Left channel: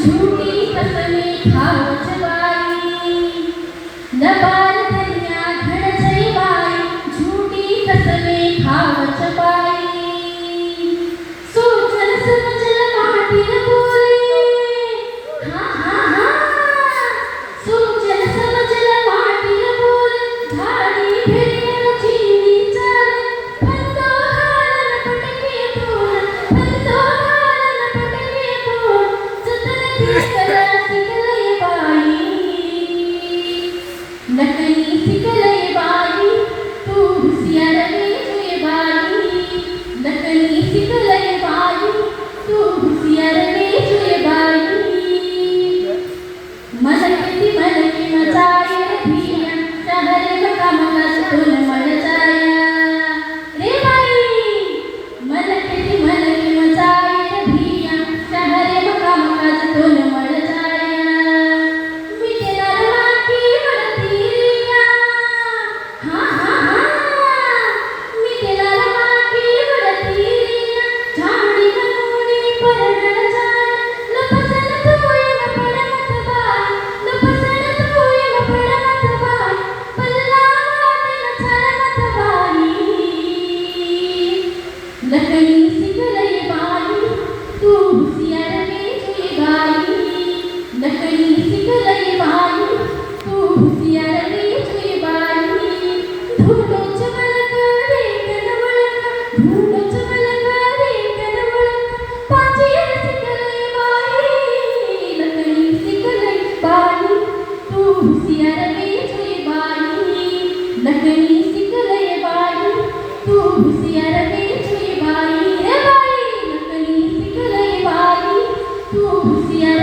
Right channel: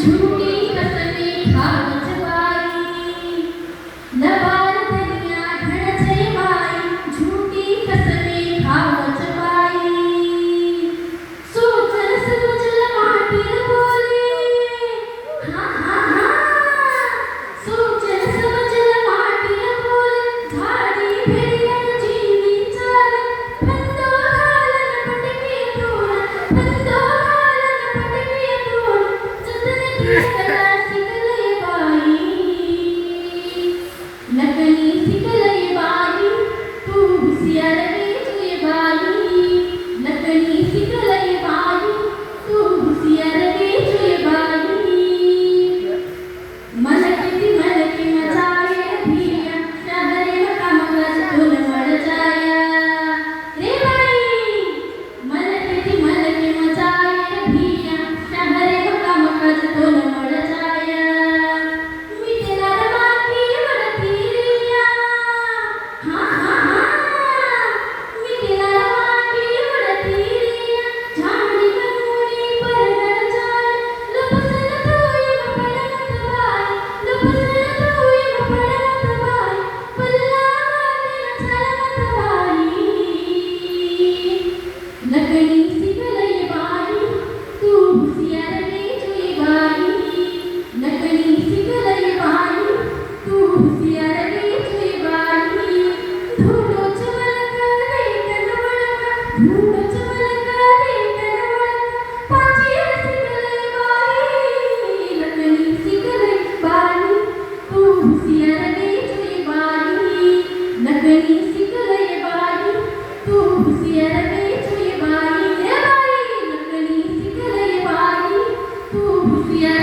झूठी कसमें खावत बाई नबार धन्या घडछई बाई झूठी कसमें खावत बाई सोचल समजल माटील बोले हाँ हाँ हाँ सोचल समजल माटील बोले झाडी भेडिया जीवी चाले फंदो घालन पटके तोड फंदो घालन पटके तोड जतन दिसला सिकलई बाई नकली सिकलई बाई तू हुसियार वेचुई बाई नकली सिकलई बाई तू हुसियार वेचुई बाई मलकती मलकी मचाए भिया शहरे मकामकाज तुल मर जाया रे बाई मलकती मलकी मचाए भिया शहरे मकामकाज तुल मर जाया मिटेला रवाकी वरती रिया हाँ हाँ हाँ मिटेला रवाकी वरती रिया झाडी कनुनी परगळ जाय लपसन तुई मपडत बाई लपसन तुई मपडत बाई पल्ला वाटेल चालत बाई नकली सिकलई बाई तू हुसियार वेचुई बाई नकली सिकलई बाई तू हुसियार वेचुई बाई धुंडो चमलक देखन वळक धुंडो चमलक देखन वळक पाचीर सिकलई बाई नकली सिकलई बाई तू हुसियार वेचुई बाई नकली सिकलई बाई तू हुसियार वेचुई बाई रे बाई नकली सिकलई बाई तू हुसियार